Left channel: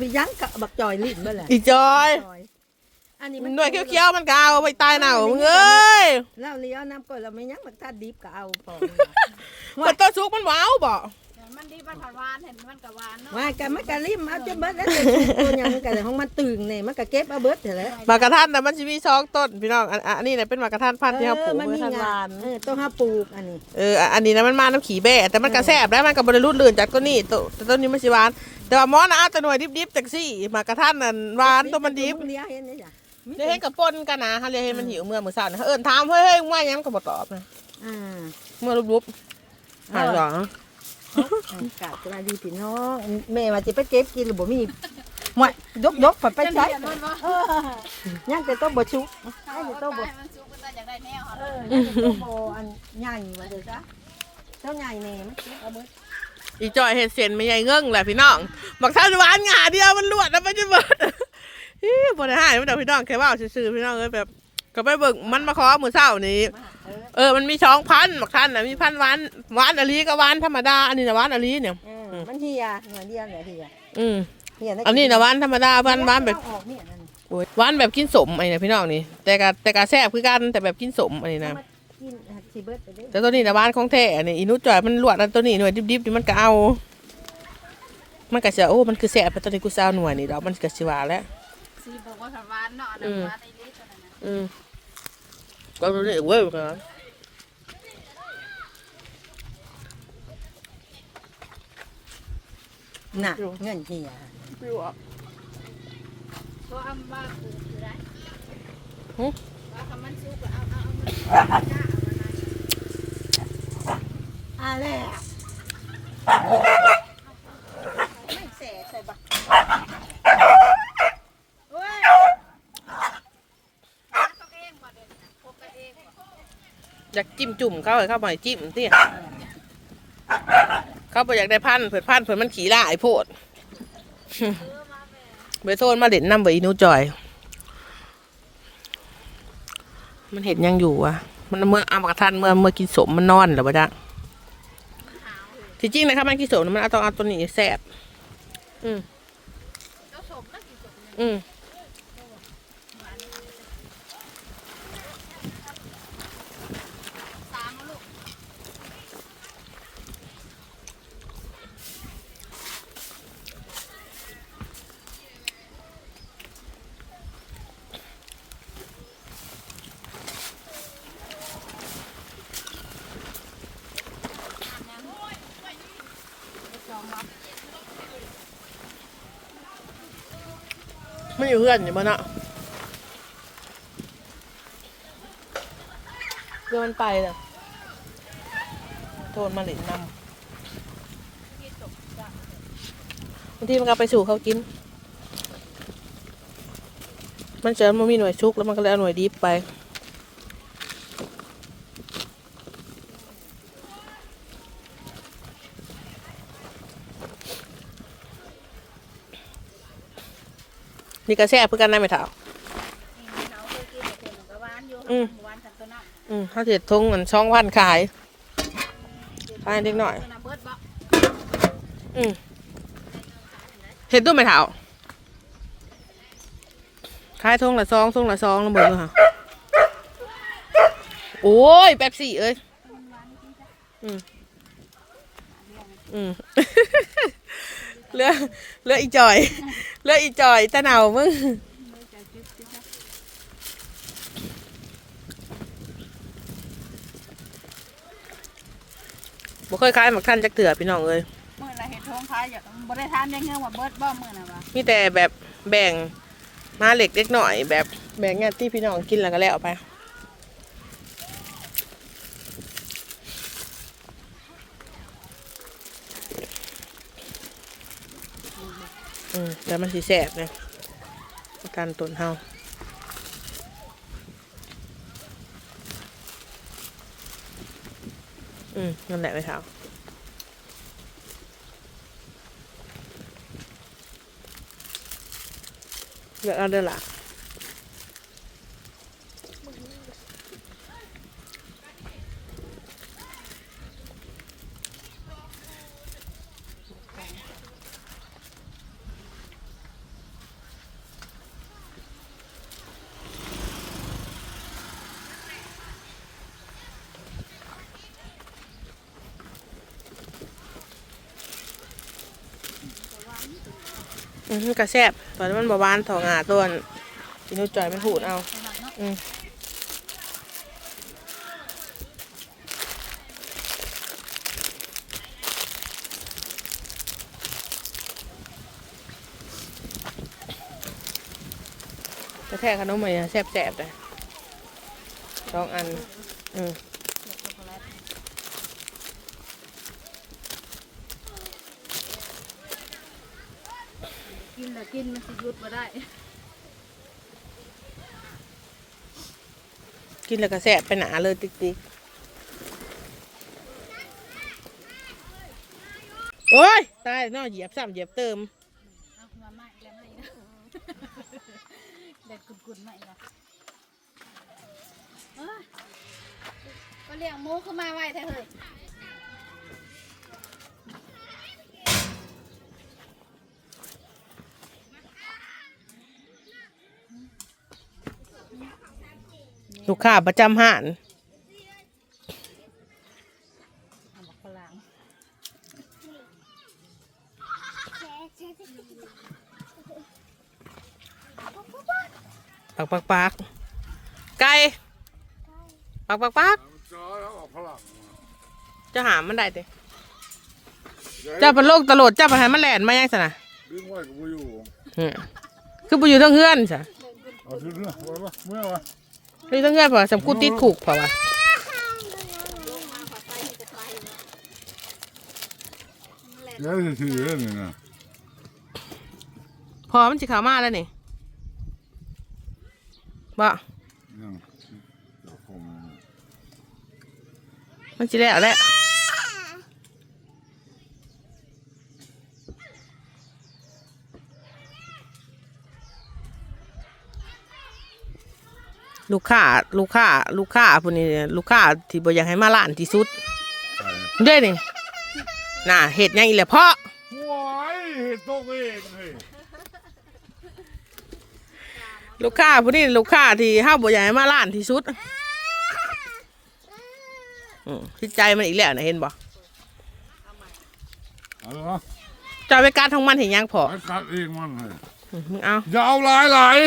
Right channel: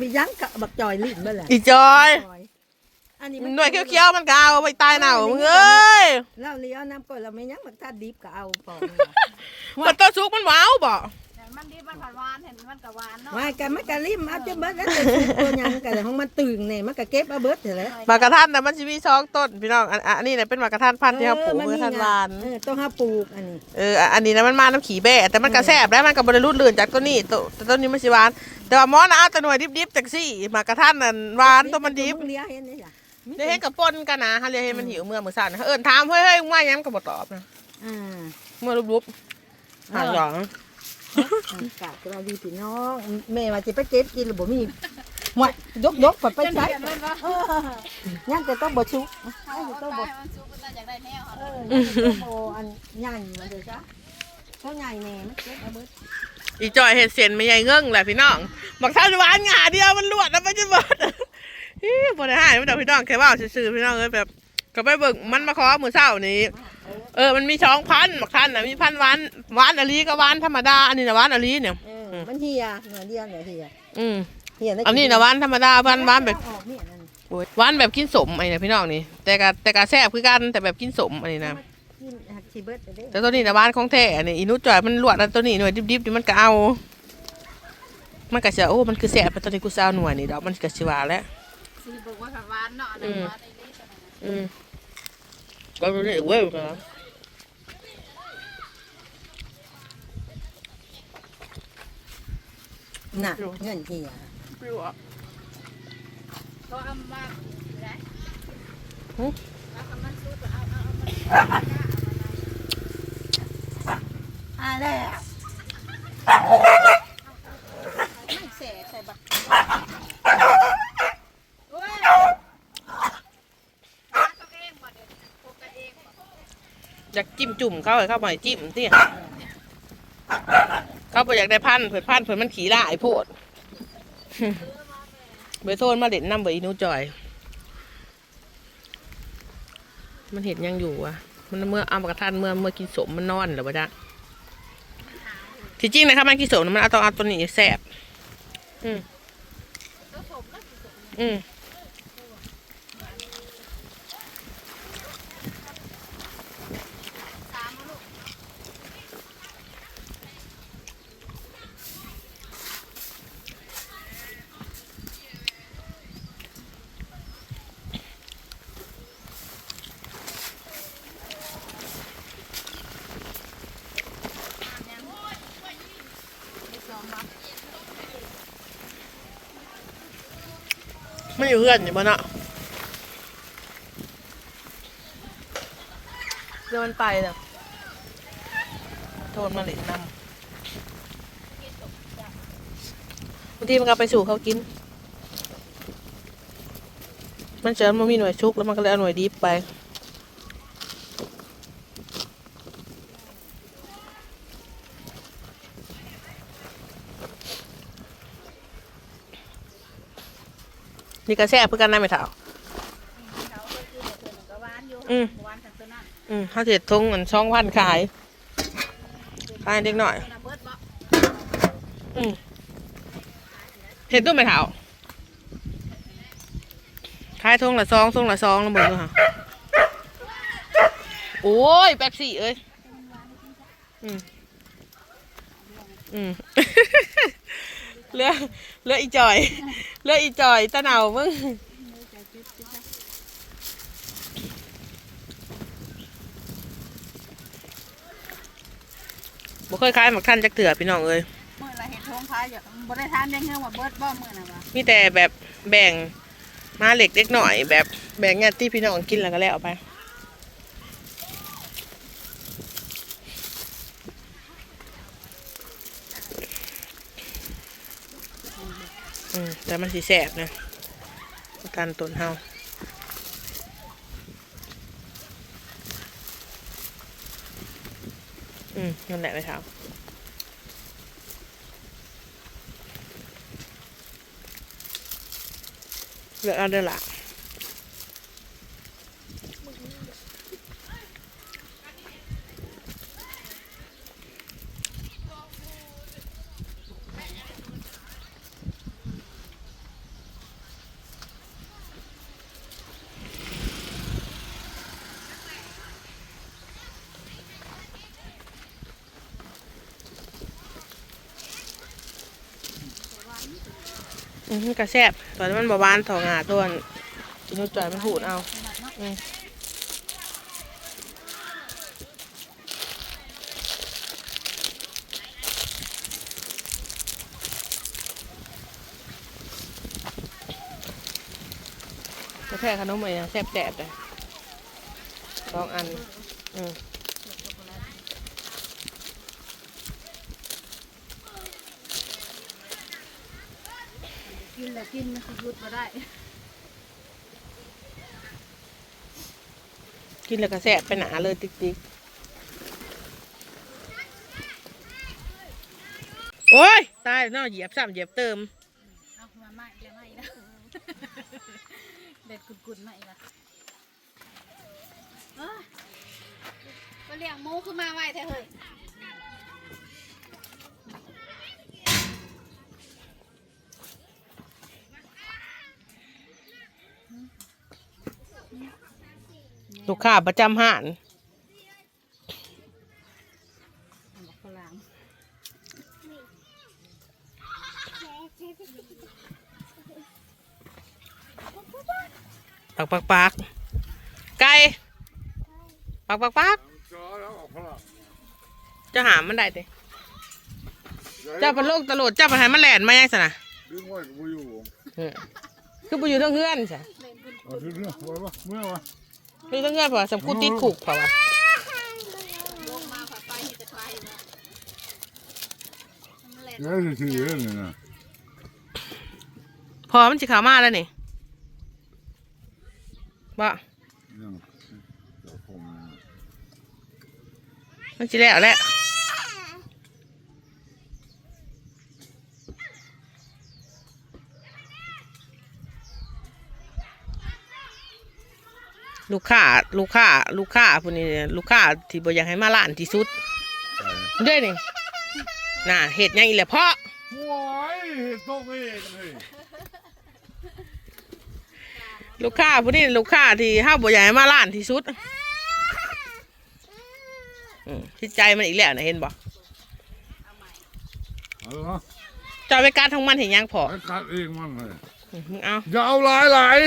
ไปยั้งกะบักจอยลิ้นเมื่อไหร่อีจอยอันนี้หน่วยเขี้ยวๆมันก็เอาไปตายหนาวมึงเอ้ยเราเลี้ยวน้ำก่อนเราไม่ยั้งมันถ้าดิบก็เอาพอมันตัวสุกมันว้าวบ่อย่างมันดีมันหวานเห็นมันก็หวานเนาะว่ากันมันก็ริมเอาจะเบิดแล้วจะสุกตัวยังกันของมันตึงเนี่ยมันก็เก็บเอาเบิดเถอะแล้วมากกระทันแต่มันสิมีสองต้นพี่น้องอันอันนี้เนี่ยเป็นมากกระทันพันธุ์ที่เขาปลูกมัเมื่อทันวานต้องหาปลูกอันนี้เอออันนี้นะมันมาน้ำขี่แบ่แต่มันกระแซบแล้วมันก็บริรุดลื่นจากต้นนี้ต้นนี้มันสิหวาน แต่ว่าหมอนะเอาแต่หน่วยดิบๆจากซี่หมากกระทันนั่นหวานตัวมันดิบเลี้ยวเห็นไหมจ้ะเดี๋ยวเห็นกับปนกันนะฮะเดี๋ยวเห็นมันหิวเมื่อมื้อเช้านะเอิ้นถามเฮ้ยเฮ้ยมึงว่าหยังมันก็บ่ตอบนะอืมเมื่อรุบๆหาหยองกะจะมาดีพี่น้องแม่ว่าจะไปเก็บกินหรือบ่มีหมดยกยกไปใช้เออยังจะต้องบ่ชุกให้จะต้องบ่มันสุกมันอยากได้แนวเออยังจะต้องบ่อันใหญ่มาเด้อจ้ะเท่าใหญ่แน่มันเก็บเอาเบิด อีจอยเห็ดเส้นไม่ใหญ่เงิ่งแหละพี่น้องบักเท่าหวานหงาเดียวมันลวดแล้วมันจะเบิดฮี่บ่ได้หายมันแต่พี่น้องแค่ว่าซื่อๆพี่น้องเอ้ยแบบก็ไปเบิ่งมันมาขอมื้อเช้านี้ เออมันมีช่องพันบักทันน่ะมีพันหวานหวานอลีกับหวานธรรมดาอันนี้นะหวานอลีเนี่ยเออมันเฮียเหมือนเดียวเนี่ยเฮียอืมเฮียได้อันนี้นะหวานธรรมดาหวานหวานแบบออกเนี่ยนั่น โอ้ยหวานแบบกินสมไอ้เนี่ยพี่น้องนี่แต่กะแต่กะแซ่บคือกันแต่แบบกินสมอันนี้นะมา กินหัดชีเบิดไปเด้แต่ตัวนี้นะหวานของแท้อันนี้อีนุจอยมันลวดอันตัวนี้หน่วยดิบๆนี่มันก็เอา มันก็จะโอ้ มันคือแซ่บแต่ตัวนี้กูจะเอาหน่วยนี่ดอกมันก็สิหวานแล้วสีบอกว่าหวานเนาะหวานในนี้ตัวนั้นอืมก็ตัวนี้เว้ยนะน่ะเงินเฮียก็เอามาอยู่ได้หึเอาคำมันสุกเอาเอาเอามันอ่า แล้ว ไม่เสใส่บักโอ้ยตัวเองก่อนเดี๋ยอยากจิ้มจุ่มเขาให้เข้ามาให้จิ้มเตี้ยเขาไปอยากได้พันเผิดพันเผิดมันขี่ล่าไอ้โพดเบโซนมาเด่นน้ำเบอีนูจอย มันเห็นยังอยู่อะมันเมื่ออามกระทันเมื่อเมื่อกินสมมันนอนหรือวะจ๊ะ ที่จริงนะครับมันกินสมมันเอาต้องเอาตัวนี้แสบอืมตัวสมแล้วกี่สมอืมสาม มันอยู่เพื่อนอยู่บ้านอะเดี๋ยวมันไปแล้วโทนมาเหล็กนำบางทีมันก็ไปสู่เขากิน มันเจอมันมีหน่วยชุกแล้วมันก็เลยเอาหน่วยดิฟไปี่ก็แซ่บเพื่อกันนะไม่เท่าเขาเคยกินแต่เธอก็หวาอืมหวาวนั้นอืมถ้าเสร็จทงเงินช่องพันขายขายเด็กหน่อยเบิดบ่อืมเห็นตัวไหมเท้าขายทงละซองทงละซองล้วเบิดด้วยค่ะโอ้ยแป๊บซี่เอ้ย อืมอืมเลือเลืออีจอย เหลืออีจอยตะเหนามึงบ่เคยขายหมักท่านจักเถื่อพี่น้องเอ้ยมื่อไรเห็ดทงขายอยากบ่ได้ทานยังเงื่อนว่าเบิดบ่มื่อน่ะวะมีแต่แบบแบ่งมาเหล็กเล็กหน่อย แบบแบ่งงานที่พี่น้องกินแล้วก็แล้วไป อืมแต่มันสีแสบนะอาการตุนเฮาอืมนั่นแหละไปเท้าเลือกเอาเด้อล่ะ มันกระแซบตอนนี้มันบาบานถองหาตัวนั้นกินให้จ่อยมันหูดเอาอืมแทกขนมมันแซ่บๆเลยสองอัน อืม กินแล้วกินมันสิหยุดบ่ได้ กินแล้วก็แสบไปหนาเลยติ๊กติ๊กโอ้ย ตายเนาะเหยียบซ้ำเหยียบเติมเอามาใหม่เดี๋ยวใหม่นะเด็ดกุดๆใหม่ละเอ้ยก็เลี้ยงหมูขึ้นมาไว้แท้เฮ้ย ลูกค้าประจำห้านฝรั่งปักปักปักไก่ปักปักปักจะหามันได้ดิเจ้าเป็นโรคตลอดเจ้าเป็นหันมาแหลนมายังสนะดึงไว้กับกูอยู่อืมคือไปอยู่ทั้งเฮือนสะเอาถือเรื่องไว้ปะ เมื่อวะคือทั้งเฮือนเพอสำกูติดผูกเพราะว่าเดี๋ยวจะถือเรื่องนี้นะพอมันสิขาวมาแล้วนี่บ่เรื่องเดี๋ยวผมนะมันสิแล้วแหละ ลูกค้าลูกค้าลูกค้าพวกนี้เนี่ยลูกค้าที่บ่อยากให้มาล้านที่สุดไปเด้นี่น่ะเห็ดหยังอีแหละเพาะว้ายเห็ดตกเองเลยลูกค้าพวกนี้ลูกค้าที่ห้าบ่อยากให้มาล้านที่สุดอืมคิดใจมันอีกแล้วนะเห็นบ่เอาเนาะจะไปการทองมันเห็นยังพอไปตัดเองมันเลยอืมมึงเอาอย่าเอาหลายหลาย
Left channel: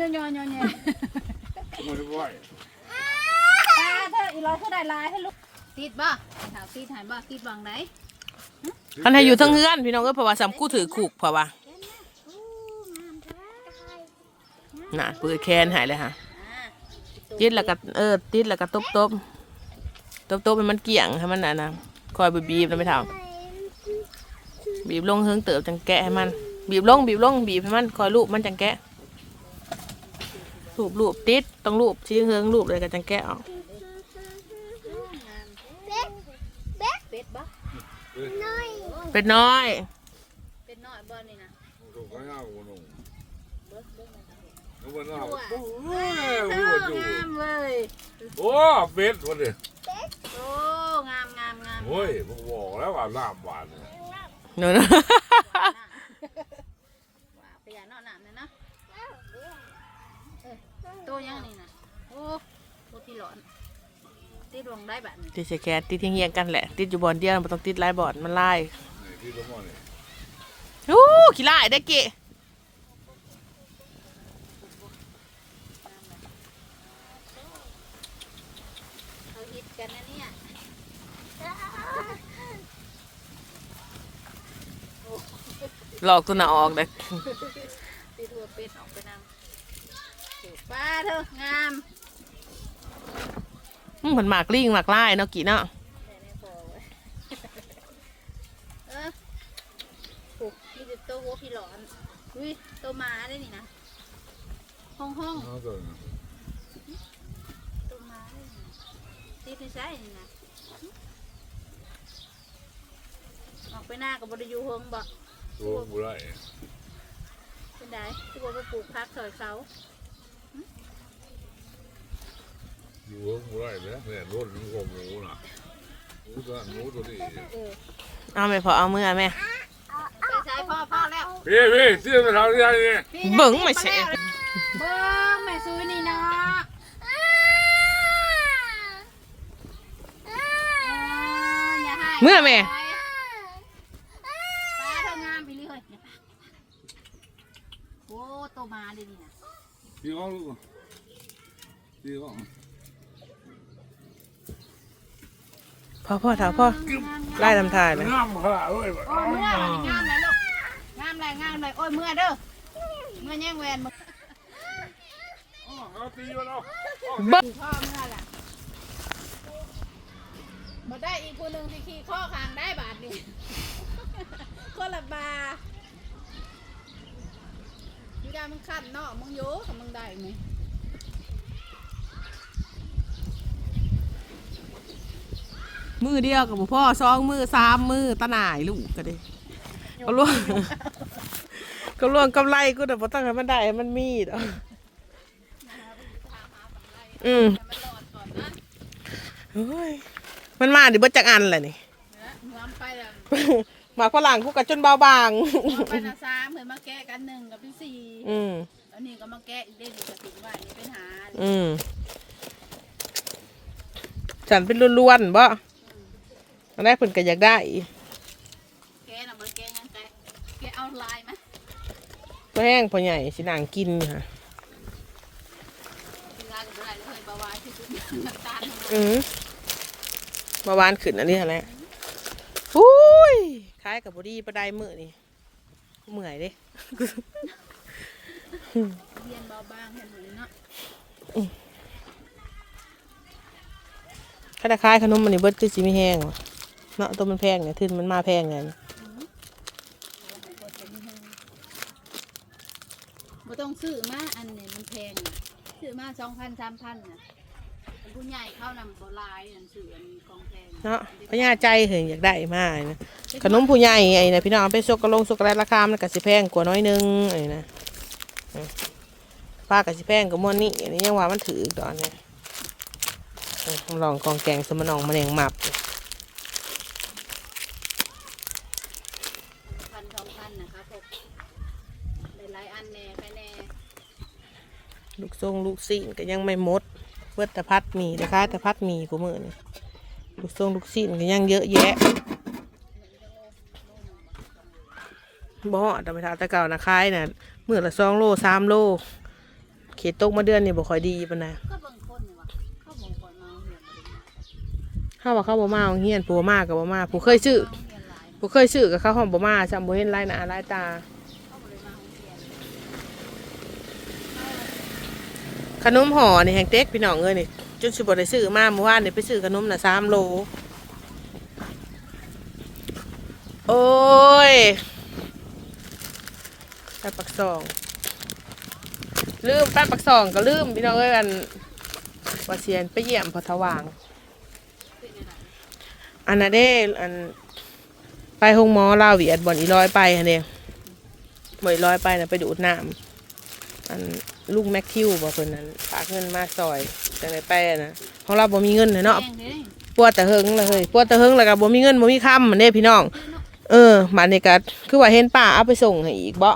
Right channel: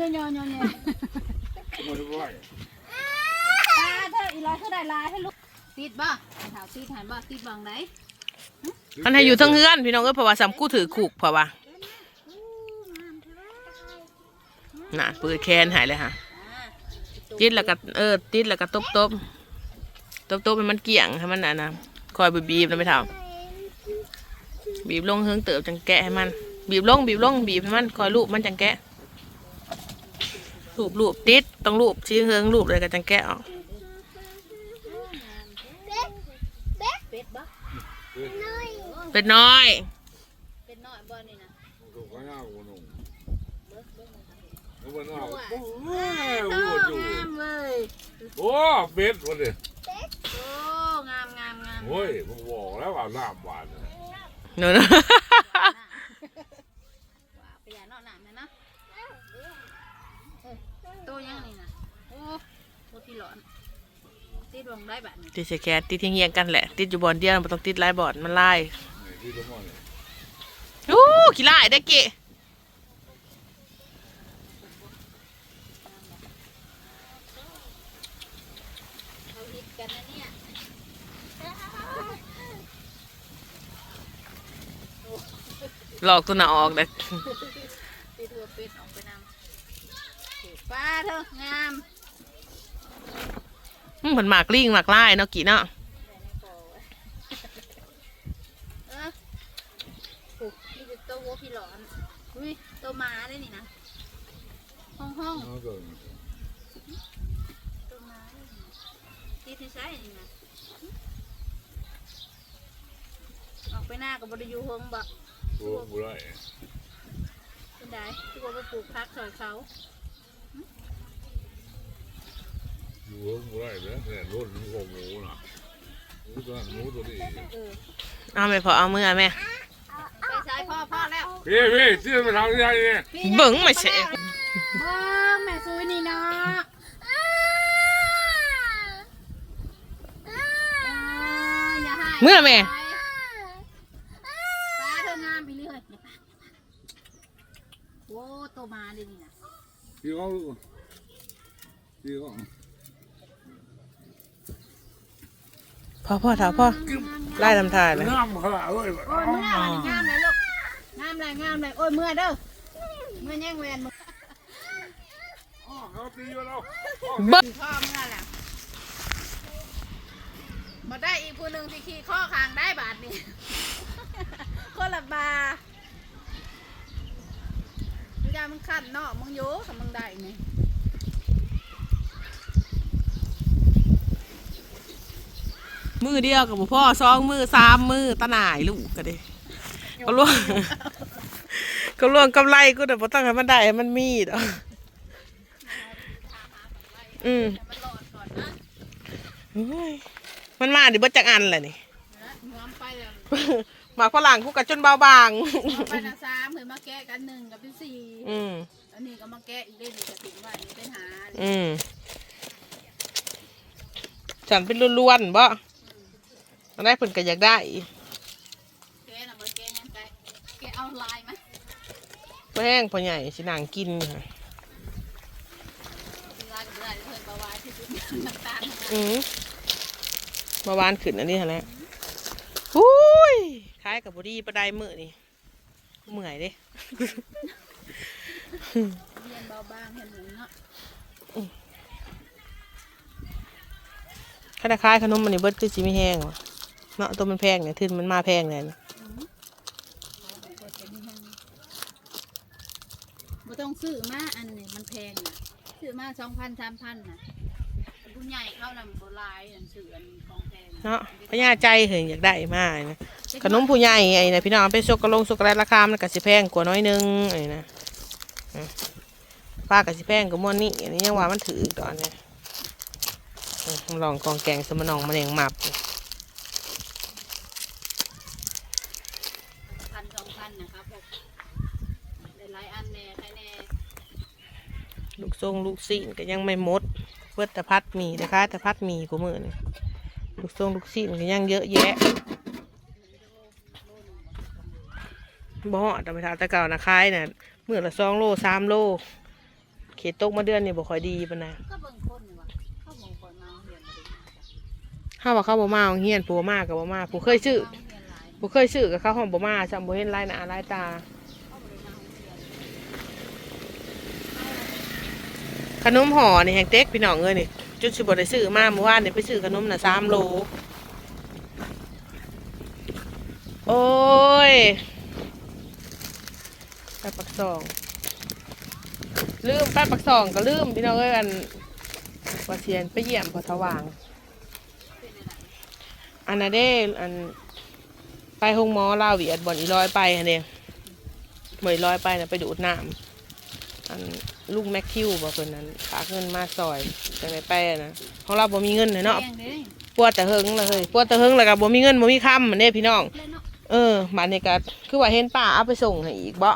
ยอนยอนยอนยอนไม่ได้ไหวตาเธออีร้อยเท่าได้ลายให้ลูกติดบ่ถามติดถามบ่ติดบังไหนมันให้อยู่ทั้งเฮือนพี่น้องเอ้ยเพราะว่าสำกู้ถือขู่เพราะว่าน่ะปืนแคนหายเลยฮะติดแล้วก็เออติดแล้วก็ตบตบตบตบมันเกี่ยงให้มันน่ะนะคอยบีบๆนะไม่ท่าบีบลงเฮิงเติบจังแกะให้มัน บีบลงบีบลงบีบให้มันคอยลูบมันจังแกะ ลูบลูบติดต้องลูบชี้เฮิงลูบเลยก็จังแกะออกเป็ดบ่เป็นน้อยเป็ดน้อยบ่นี่นะถูกข้าวกูนุ่งแล้วมันเอาโอ้ยหัวอยู่งามเว้ยโอ้เป็ดวันนี้โอ้งามงามงามโอ้ยมึงบอกแล้วว่าน้ำหวานเลยเนอะ ว่าไปอย่านอนหลับนะนะเออ โตยังนี่นะโอ้โตที่หลอนติดวงได้แบบนี้ติดสแกนติดที่เฮียงกันแหละ ติดอยู่บอลเดียวมันต้องติดหลายบอลมันไล่นี่ที่ตะมอนี่โอ้ขี้ไล่ได้เกะเขาฮิตกันนะเนี่ยหลอกตัวหนาออกเลย ติดหัวเป็ดออกไปนำป้าเธองามเหมือนหมากลิงหมากไล่เนาะกี่เนาะแต่ในคอไว้เออปลูกนี่คือตัววัวพี่หลอนอุ้ยตัวหมาได้นี่นะห้องห้องเอาตัวตัวหมาได้นี่ติดที่ใช่นี่นะออกไปหน้ากับบริยูเฮงบ่ตัวบุไรเป็นไดที่บอกว่าปลูกพักถอยเขา อยู่ข้างบุไรเนี่ยเนี่ยรถมันก็หมูน่ะหมูตัวนั้นหมูตัวนี้เออเอาไม่พอเอามือเอาแม่ไปใช้พ่อพ่อแล้วพี่พี่เสี่ยงจะทำยังไงเนี่ยพี่เบิ่งไม่ใช่เบิ้งแม่ซื้อนี่นะเมื่อแม่ปลาเธองามไปเลยเดี๋ยวปลาโอ้โตมาเลยนี่นะพี่เขาลูกพี่เขา พ่อพ่อถาพ่อไล่ทำทายนะน้ำขนาดเลยโอ้ยเมื่อเลยงามเลยลูกงามเลยงามเลยโอ้ยเมื่อเด้อเมื่อแย่งแหวนมึงอ๋อเขาตีมาแล้วเบิ้งพ่อเมื่อแหละมาได้อีกคนหนึ่งที่ขี่ข้อคางได้บาทนี่คนละบาทมึงจะมึงขันเนาะมึงโยกับมึงได้ไหม มือเดียวกับพ่อสองมือสามมือตาหน่ายลูกก็ได้ก็ล่วงก็ล่วงกำไรกูแต่พอตั้งให้มันได้ให้มันมีดอกอืมเฮ้ยมันมาดิเบิดจักอันเลยนี่นะมึงเอาไปแล้วหมากฝรั่งคู่กับจนเบาบางเอาไปนะสามเหมือนมาแกะกันหนึ่งกับเป็นสี่อืมอันนี้ก็มาแกะอีกได้หนึ่งกับถึงว่าอันนี้เป็นหาอืมฉันเป็นล้วนๆบ่ อันได้เพิ่นก็อยากได้แกะน่ะเบิดแกะยังไงแกะเอาลายไหมพ่อแห้งพ่อใหญ่สินางกินอยู่ค่ะกินลายกับลายเพิ่นบาวาที่สุดน้ำตาลทั้งนั้นอืมเมื่อวานขึ้นอันนี้แหละอุ้ยคล้ายกับบอดี้ประไดมือนี่เมื่อยเด้เรียนเบาบางเห็นหรือเนาะถ้าคล้ายขนมมันนี่เบิดจะสิไม่แห้งหรอ เนาะตัวมันแพงเนี่ยทึนมันมาแพงเนี่ยบ่ต้องซื้อมาอันนี้มันแพงน่ะซื้อมาสองพันสามพันน่ะอันผู้ใหญ่เข้าน่ะโบราณอันซื้ออันของแพงเนาะพญาใจเห็นอยากได้มากนะขนมผู้ใหญ่ไอ้นะพี่น้องเอาไปซกกระลงซกกระไรราคามันก็สิแพงกว่าน้อยนึงไอ้นะอะป้าก็สิแพงกว่าหมวนนี่อันนี้ยังว่ามันถืออีกตอนนี้อะลองกองแกงสมนองมะเร็งหมับ พันสองพันนะครับพวกหลายๆอันแน่ใครแน่ ลูกทร งลูกซีนก็ยังไม่หมดเพื่อต่พัดมีนะคะต่พัดมีกูมือนี่ลูกทรงลูกซีนก็ยังเยอะแยะบ่แต่ไปทาตะเก่านะคายเนี่ยเมื่อละสองโลสามโล เขตตกมาเดือนนี่บ่ค่อยดีปานนะก็บางคนนี่ว่ะขาบางคนมาเรียนบ่ได้าถ้าวบ่มาเอาเฮียนผัวมากกับบ่มาผู้เคยซื้อผู้เคยซื้อกับเขาวหองบ่มาจำบ่เห็นลายหน้าลายตา เขาบ่ได้มาโรงเรีย นขนมห่อนี่แฮงเต็กพี่น้องเอ้ยนี่จนสิบ่ได้ซื้อมาเมื่อวานนี่ไปซื้อขนมน่ะสามโล โอ้ยไปปักซอง ลืมไปปักซองก็ลืมพี่น้องเอ้ยอันว่าเสียนไปเยี่ยมพอสว่าง อันนั้นเด้อันไปห้องหมอลาวเวียดบ่อนอีร้อยไปอันเองบ่อนอีร้อยไปนะไปดูดน้ำ อันลูกแม็กคิวบอกคนนั้นฝากเงินมาซอยจังไดไปอะนะของเราบ่มีเงินเลยเนาะแพงเด้ปวดแต่เฮิงเลยเฮ้ยปวดแต่เฮิงแล้วก็บ่มีเงินบ่มีคำมันเด้พี่น้อง เออมาในกัคือว่าเห็นป้าเอาไปส่งให้อีกบ่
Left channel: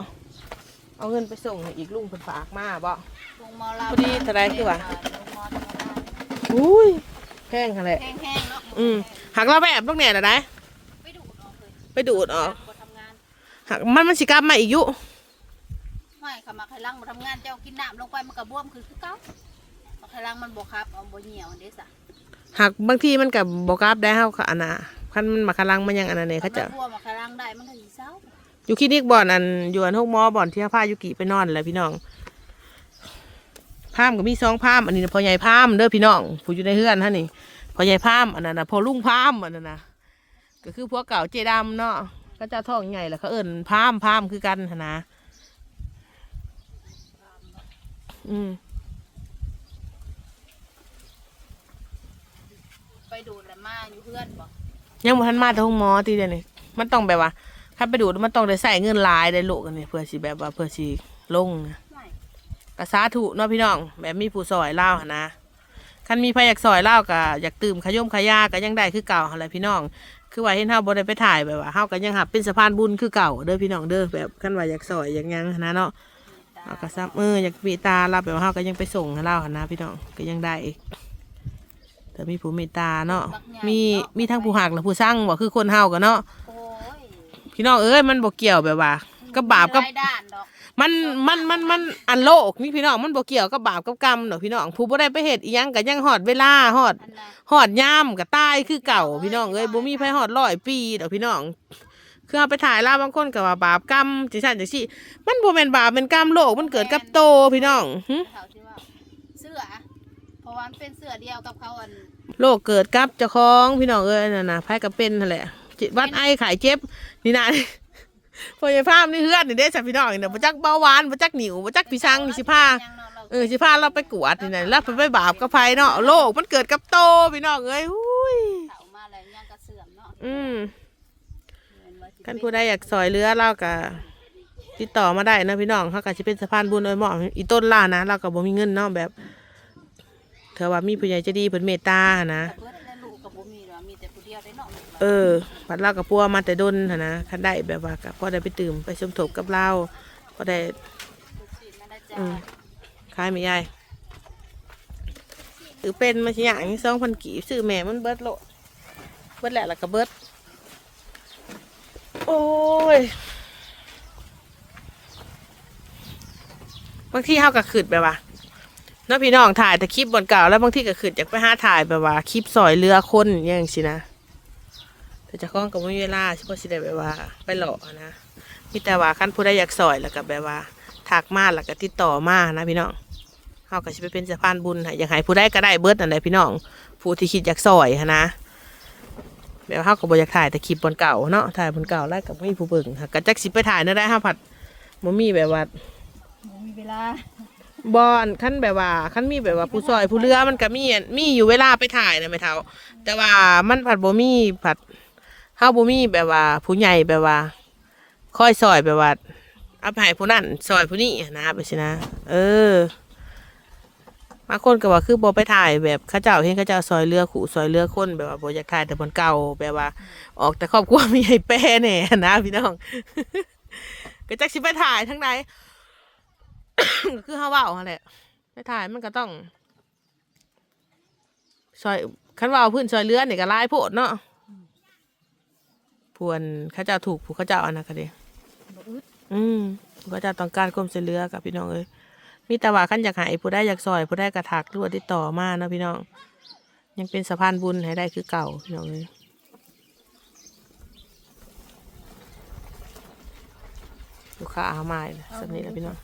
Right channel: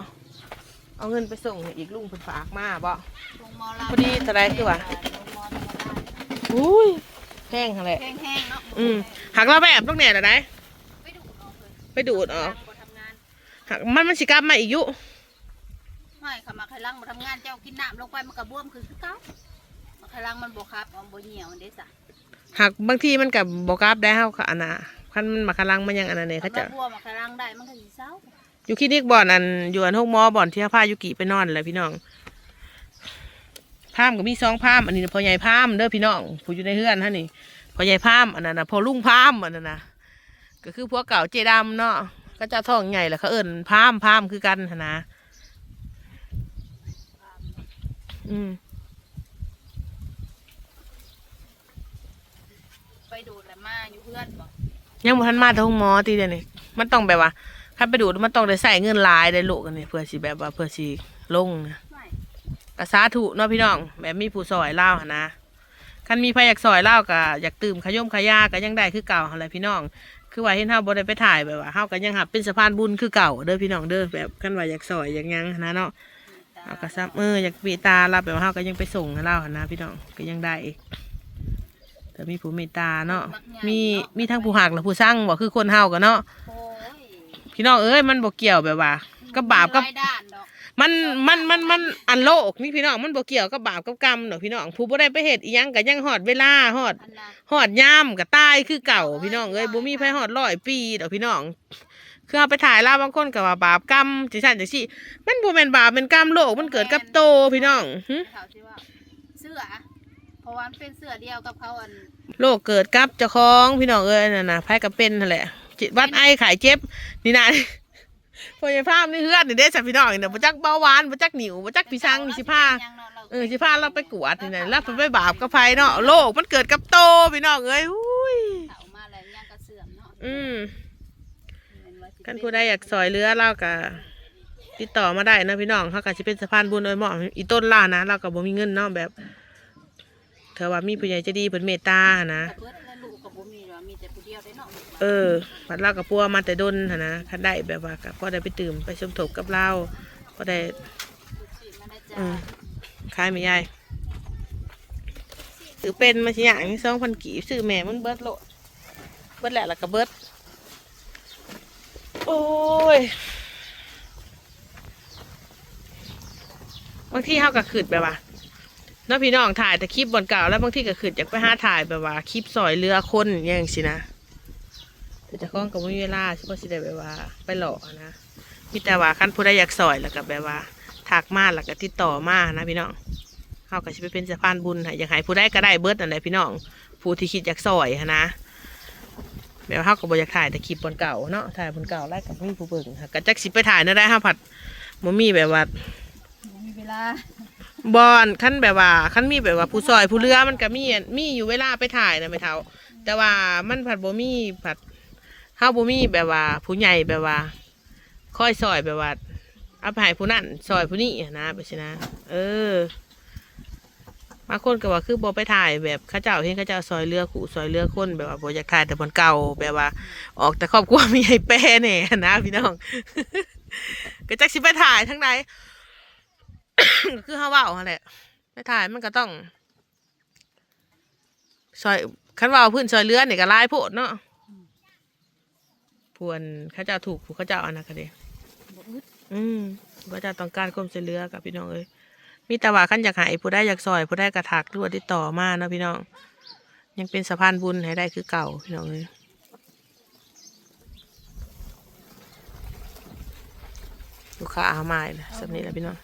เอาเงินไปส่งให้อีกลุงเพิ่นฝากมาบ่ลงมอลาพอดีเท่าไรคือวะลงมอธรรมดาอุ้ยแพงหั่นแหละแห้งๆเนาะอืมหักเราแบบต้องแหน่ละได้ไปดูดออกเลยไปดูดออกบ่ทำงานหักมันมันสิกลับมาอีกอยู่ ไม่ค่ะมาไข่ลังบ่ทำงานเจ้ากินน้ำลงไปมันก็บวมคือคือเก่ามาไข่ลังมันบ่ครับเอาบ่เหี่ยวเด้ซะหักบางทีมันก็บ่กลับได้เฮาค่ะอันน่ะคันมันมาคลังมันยังอันนั้นเนี่ยเขาจะอมบวมมาไข่ลังได้มันก็สิเศร้าอยู่คลินิกบ่อนอันอยู่อันห้องหมอบ่อนที่พายุกิไปนอนแหละพี่น้องพามก็มีสองพามอันนี้พ่อใหญ่พามเด้อพี่น้องผู้อยู่ในเฮือนฮะนี่พ่อใหญ่พามอันนั้นนะพ่อลุงพามอันนั้นนะก็คือพวกเก่าเจดำเนาะก็เจะท้องใหญ่แหละเขาเอิ้นพามพามคือกันหั้นนะ อืม ไปดูดแล้วมาอยู่เพื่อนบ่ยังบ่ทันมาแต่ห้องหมอตีเดียวนี่มันต้องแบบว่าคันไปดูดมันต้องได้ใส่เงินหลายได้ลูกกันนี่เพื่อสิแบบว่าเพื่อสิลงนะไม่กะสาธุเนาะพี่น้อง แบบมีผู้ซอยเล่าหั้นนะคันมีใครอยากซอยเล่าก็อยากตื่มขย่มขยาก็ยังได้คือเก่าอะไรพี่น้อง คือว่าเห็นเฮาบ่ได้ไปถ่ายแบบว่าเฮาก็ยังหับเป็นสะพานบุญคือเก่าเด้อพี่น้องเด้อแบบคันว่าอยากซอยอยากหยังหั้นนะเนาะ เอากระซับเอออยากปีตารับแบบว่าเฮาก็ยังไปส่งให้เล่าหั้นนะพี่น้องก็ยังได้อีกแต่มีผู้เมตตาเนาะมีมีทั้งผู้หักและผู้สร้างบ่คือคนเฮากันเนาะโอ้ยพี่น้องเอ้ยมันบ่เกี่ยวแบบว่ากับบาปกับมีหลยด้านดอกมันมันมันมันอันโลกนี่พี่น้องมันบ่เกี่ยวกับบาปกับกรรมดอกพี่น้องผู้บ่ได้ไปเฮ็ดอีหยังก็ยังฮอดเวลาฮอด อันน่ะฮอดยามก็ตายคือเก่าพี่น้องเอ้ยบ่มีไผฮอดร้อยปีดอกพี่น้อง คือเอาไปถ่ายลาวบางคนก็ว่าบาปกรรมจังซั่นจังซี่มันบ่แม่นบาปเป็นกรรมโลกมันเกิดกับโตพี่น้องหึเขาที่ว่าเสื้อเพราะว่ามันเป็นเสื้อเดียวกับเขาอันโลกเกิดกับเจ้าของพี่น้องเอ้ยนั่นน่ะไผก็เป็นนั่นแหละจิตวัดไอไข้เจ็บนี่นะพยาภาพนี่เฮือนนี่เด้จ้ะพี่น้องนี่นะบ่จักเบาหวานบ่จักหนิวบ่จักพี่ชังนี่สิพายังเนาะเราเออสิพาเราไปกวดนี่นะเราไปบาปกับไผเนาะโลกมันเกิดกับโตพี่น้องเอ้ยอุ้ยเฒ่ามาแล้วยังกระเสื่อมเนาะ อืม แม่นว่าสิคันผู้ใดอยากซอยเรือเราก็ติดต่อมาได้นะพี่น้องเขาก็สิเป็นสะพานบุญโดยเหมาะอีต้นล่านะเราก็บ่มีเงินเนาะแบบเธอว่ามีผู้ใหญ่ใจะดีเพิ่นเมตตาห์นะเบิดและลูกกับบ่มีหรอกมีแต่ผู้เดียวได้เนาะเออพัดเรากับพัวมาแต่ดนหั้นนะคันได้แบบว่าก็พอได้ไปตื่มไปสมทบกับเราพอได้ลูกศิษย์มาได้จ้าอืมขายไม่ใหญ่ซื้อเป็นมาสิอย่างนี้สองพันกี่ซื้อแม่มันเบิดโลดเบิดแหละแล้วก็เบิด อ้ยบางที่เขาก็ขืดแบบว่าน้าพี่น้องถ่ายแต่คลิปบนเก่าแล้วบางที่ก็ขืดอยากไปหาถ่ายแบบว่าคลิปซอยเรือคนอย่างสินะแต่จะคล้องกับไม่เวลาเฉพาะสิได้แบบว่า ไปหลอกนะมีแต่ว่าขั้นผู้ใดอยากซอยแล้วก็แบบว่าทักมาแล้วก็ติดต่อมานะพี่น้องเขาก็จะไปเป็นสะพานบุญให้อยากให้ผู้ใดก็ได้เบิดนั่นแหละพี่น้องผู้ที่คิดอยากซอยนะ แบบเขาก็บอยากถ่ายแต่คลิปบนเก่าเนาะถ่ายบนเก่าแล้วกับไม่มีผู้เบิ่งค่ะก็จักสิไปถ่ายนั่นได้ห้าผัดมมีแบบว่าบ่มีเวลาบอนขั้นแบบว่าขั้นมีแบบว่าผู้ซอยผู้เรือมันก็มีมีอยู่เวลาไปถ่ายนะแม่เท่าแต่ว่ามันผัดบ่มีผัดเฮาบ่มีแบบว่า ผู้ใหญ่แบบว่าคอยซอยแบบว่าเอาไปให้ผู้นั่นซอยผู้นี้นะไปสินะ เออ บางคนก็ว่าคือบ่ไปถ่ายแบบเข้าเจ้าเห็นเข้าเจ้าซอยเรือขู่ซอยเรือคนแบบว่าบ่อยากถ่ายแต่บนเก่าแบบว่า ออกแต่ครอบครัวมีให้แป้แน่นะพี่น้องก็จักสิไปถ่ายทั้งใดคือเฮาเว้าหั่นแหละไปถ่ายมันก็ต้องซอยคันว่าพื้นซอยเรือนี่ก็ลายโพดเนาะพวนเขาเจ้าถูกผู้เขาเจ้าอันนั้นก็เด้อืมผู้เขาเจ้าต้องการความช่วยเหลือกับพี่น้องเอ้ย มีแต่ว่าขั้นอยากหายผู้ได้อยากซอยผู้ได้กระถักหรือว่าติดต่อมาเนาะพี่น้อง ยังเป็นสะพานบุญให้ได้คือเก่าพี่น้องเลยลูกค้าอามาอีกแล้วสำนี้แหละพี่น้อง